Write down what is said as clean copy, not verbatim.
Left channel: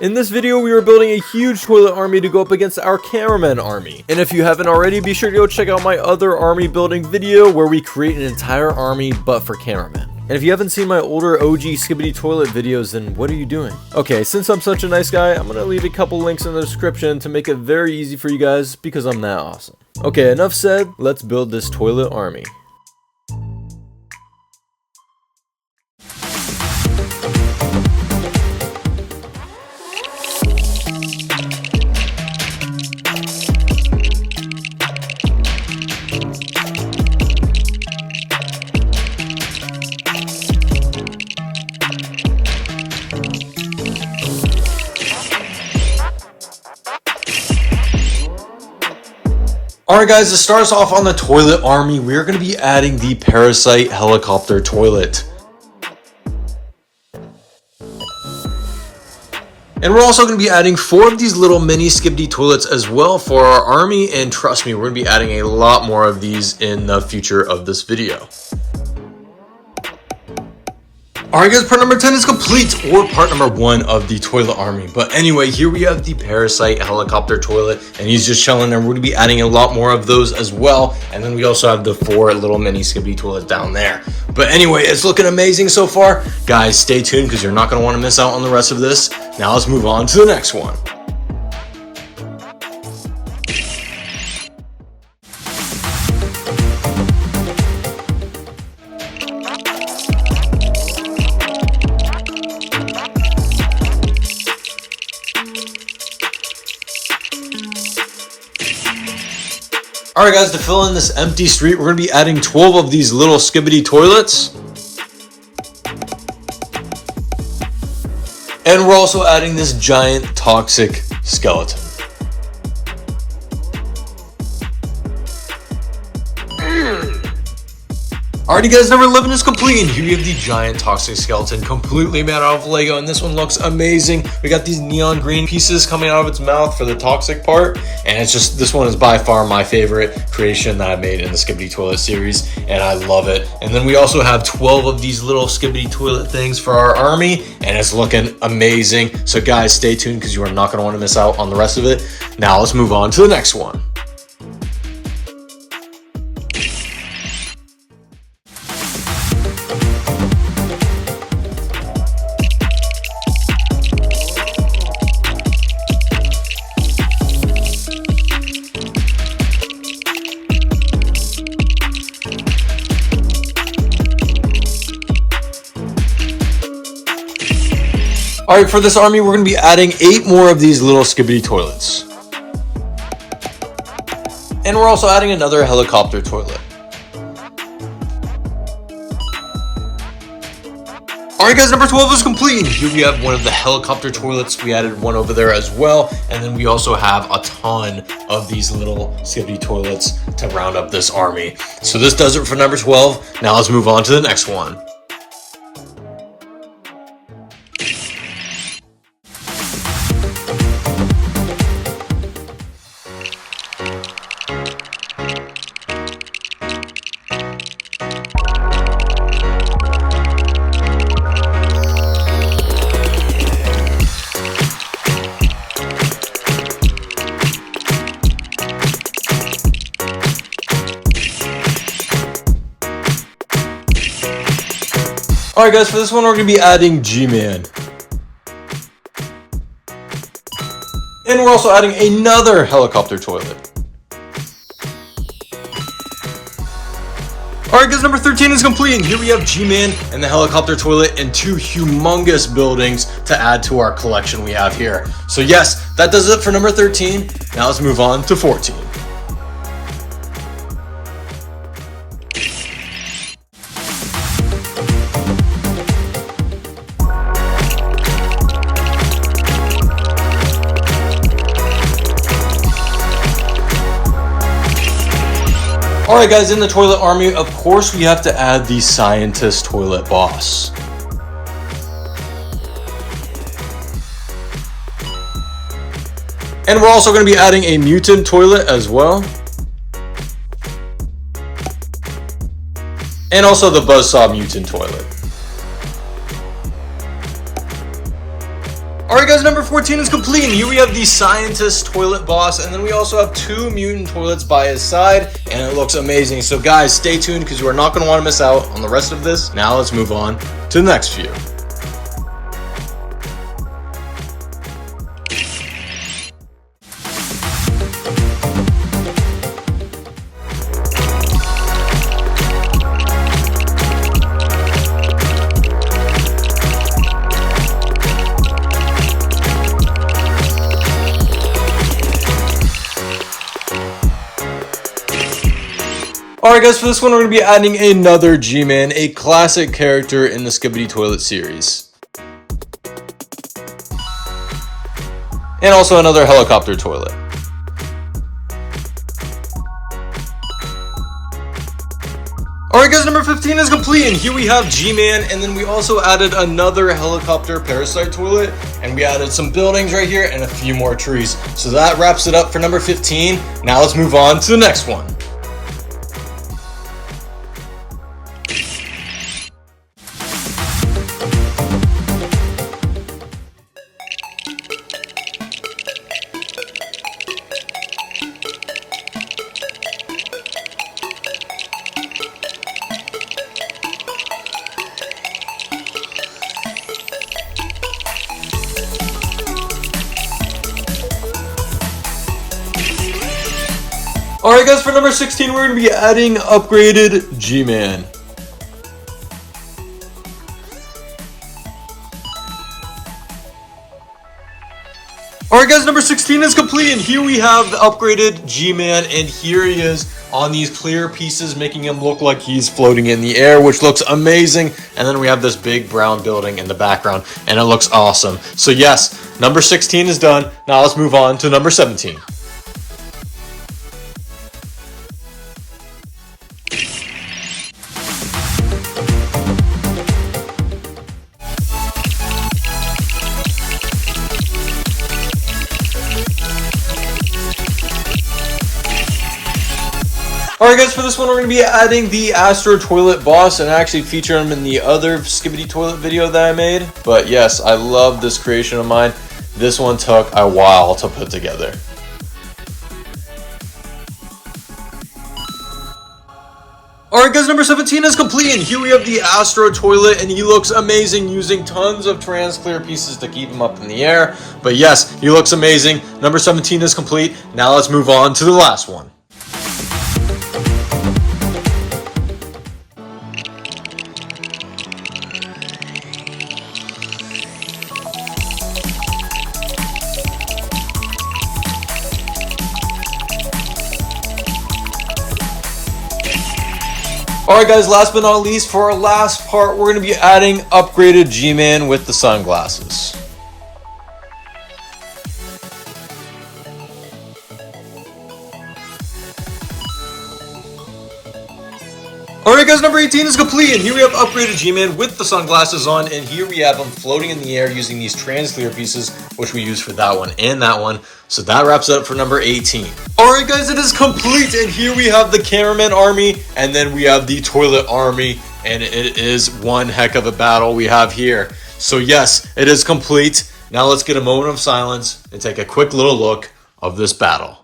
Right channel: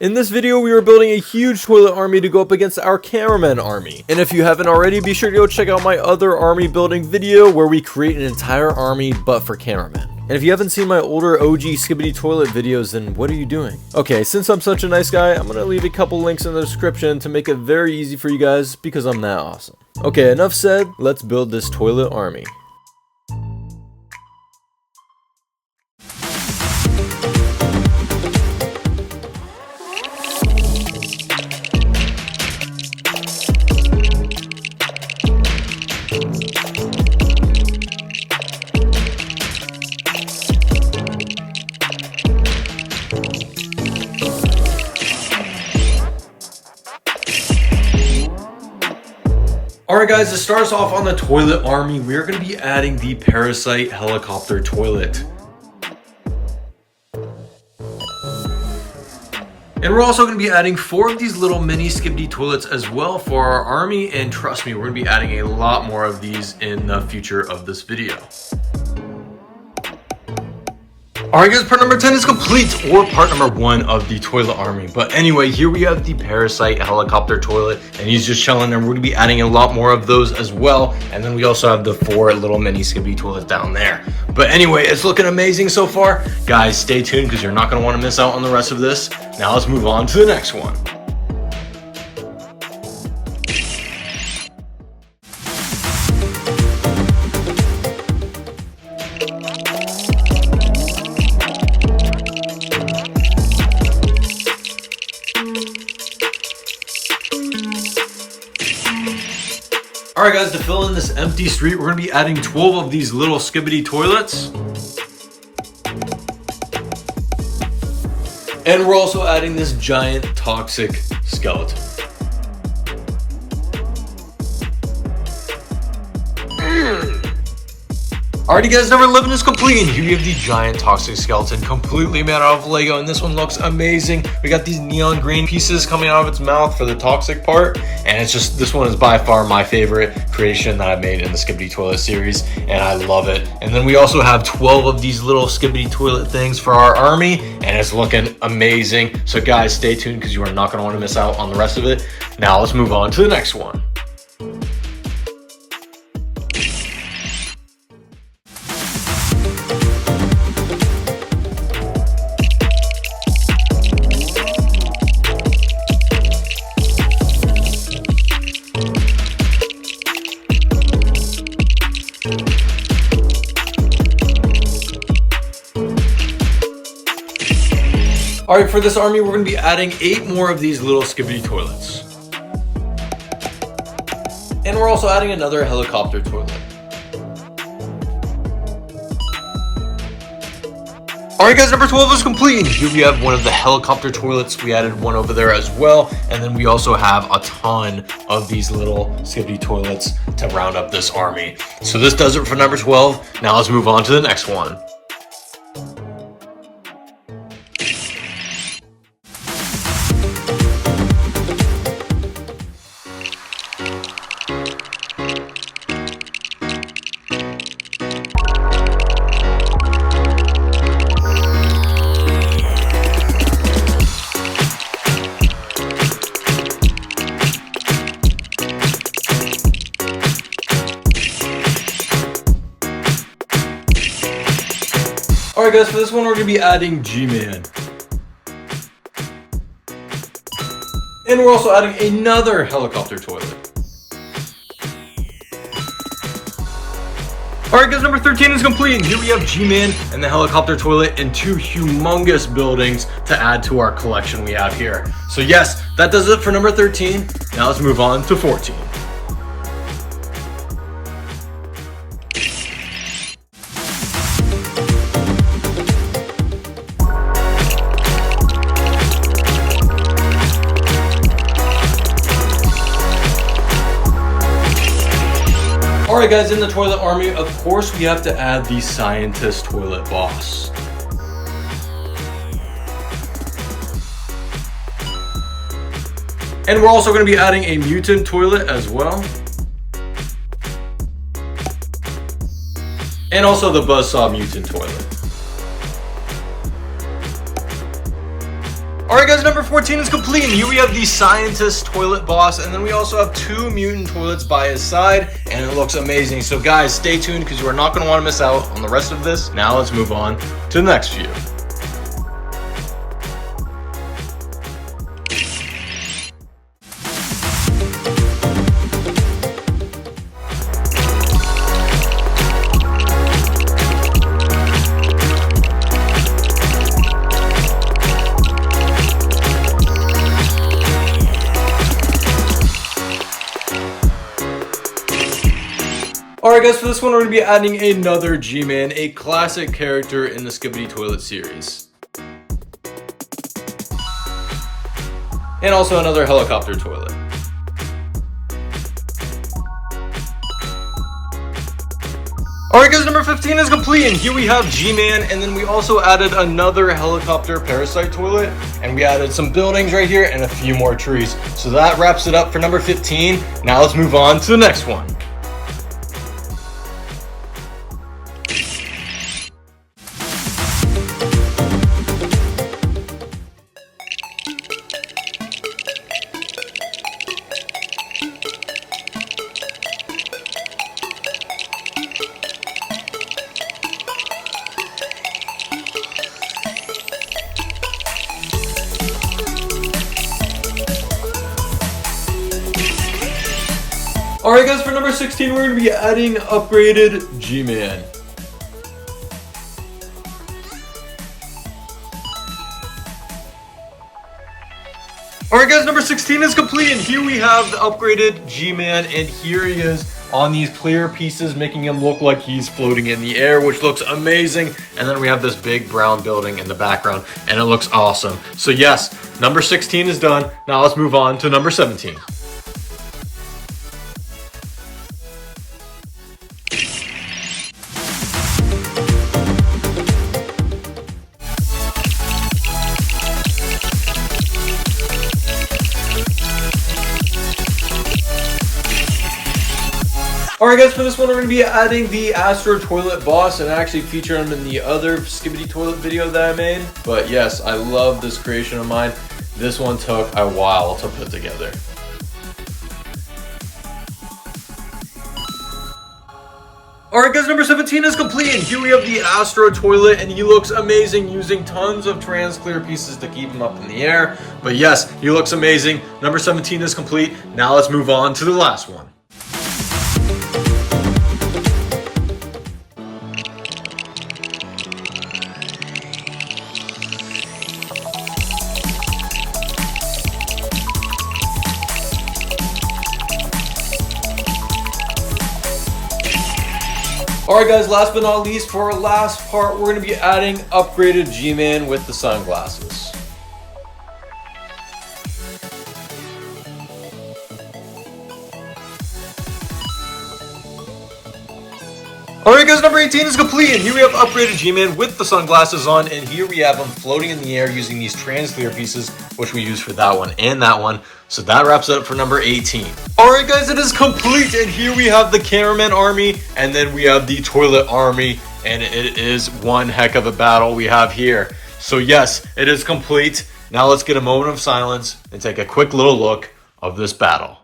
In this video, we are building a huge toilet army to go up against our cameraman army. And if you haven't already, be sure to go check out my other army building video where we create an entire army but for cameramen. And if you haven't seen my older OG Skibidi Toilet videos, then what are you doing? Okay, since I'm such a nice guy, I'm gonna leave a couple links in the description to make it very easy for you guys because I'm that awesome. Okay, enough said, let's build this toilet army. Alright guys, to start us off on the toilet army, we're going to be adding the Parasite Helicopter Toilet. And we're also going to be adding 4 of these little mini Skibidi Toilets as well for our army, and trust me, we're going to be adding a lot more of these in the future of this video. Alright guys, part number 10 is complete, or part number 1 of the toilet army. But anyway, here we have the Parasite Helicopter Toilet, and he's just chilling, and we're going to be adding a lot more of those as well. And then we also have the 4 little mini Skibidi Toilets down there. But anyway, it's looking amazing so far. Guys, stay tuned because you're not going to want to miss out on the rest of this. Now let's move on to the next one. Alright guys, to fill in this empty street, we're going to be adding 12 of these little Skibidi Toilets. And we're also adding this giant toxic skeleton. Alrighty guys, number 11 is complete, and here you have the giant toxic skeleton completely made out of Lego, and this one looks amazing. We got these neon green pieces coming out of its mouth for the toxic part, and it's just, this one is by far my favorite creation that I've made in the Skibidi Toilet series, and I love it. And then we also have 12 of these little Skibidi Toilet things for our army, and it's looking amazing. So guys, stay tuned because you are not going to want to miss out on the rest of it. Now let's move on to the next one. Alright, for this army, we're going to be adding 8 more of these little Skibidi Toilets. And we're also adding another helicopter toilet. Alright guys, number 12 is complete. Here we have one of the helicopter toilets. We added one over there as well. And then we also have a ton of these little Skibidi Toilets to round up this army. So this does it for number 12. Now let's move on to the next one. Alright guys, for this one we're going to be adding G-Man. And we're also adding another helicopter toilet. Alright guys, number 13 is complete, and here we have G-Man and the helicopter toilet and 2 humongous buildings to add to our collection we have here. So yes, that does it for number 13. Now let's move on to 14. Alright guys, in the toilet army, of course we have to add the scientist toilet boss. And we're also going to be adding a mutant toilet as well. And also the Buzzsaw mutant toilet. Alright guys, number 14 is complete, and here we have the scientist toilet boss, and then we also have 2 mutant toilets by his side, and it looks amazing. So guys, stay tuned because you are not going to want to miss out on the rest of this. Now let's move on to the next few. Alright guys, for this one we're going to be adding another G-Man, a classic character in the Skibidi Toilet series. And also another helicopter toilet. Alright guys, number 15 is complete, and here we have G-Man, and then we also added another helicopter parasite toilet, and we added some buildings right here and a few more trees. So that wraps it up for number 15. Now let's move on to the next one. Alright guys, for number 16 we're going to be adding upgraded G-Man. Alright guys, number 16 is complete, and here we have the upgraded G-Man, and here he is on these clear pieces, making him look like he's floating in the air, which looks amazing. And then we have this big brown building in the background, and it looks awesome. So yes, number 16 is done. Now let's move on to number 17. Alright guys, for this one we're going to be adding the Astro Toilet boss, and I actually featured him in the other Skibidi Toilet video that I made. But yes, I love this creation of mine. This one took a while to put together. Alright guys, number 17 is complete, and here we have the Astro Toilet, and he looks amazing using tons of trans clear pieces to keep him up in the air. But yes, he looks amazing. Number 17 is complete. Now let's move on to the last one. Alright guys, last but not least, for our last part, we're going to be adding upgraded G-Man with the sunglasses. Alright guys, number 18 is complete, and here we have upgraded G-Man with the sunglasses on, and here we have him floating in the air using these trans clear pieces, which we use for that one and that one. So that wraps it up for number 18. Alright guys, it is complete, and here we have the cameraman army, and then we have the toilet army, and it is one heck of a battle we have here. So yes, it is complete. Now let's get a moment of silence and take a quick little look of this battle.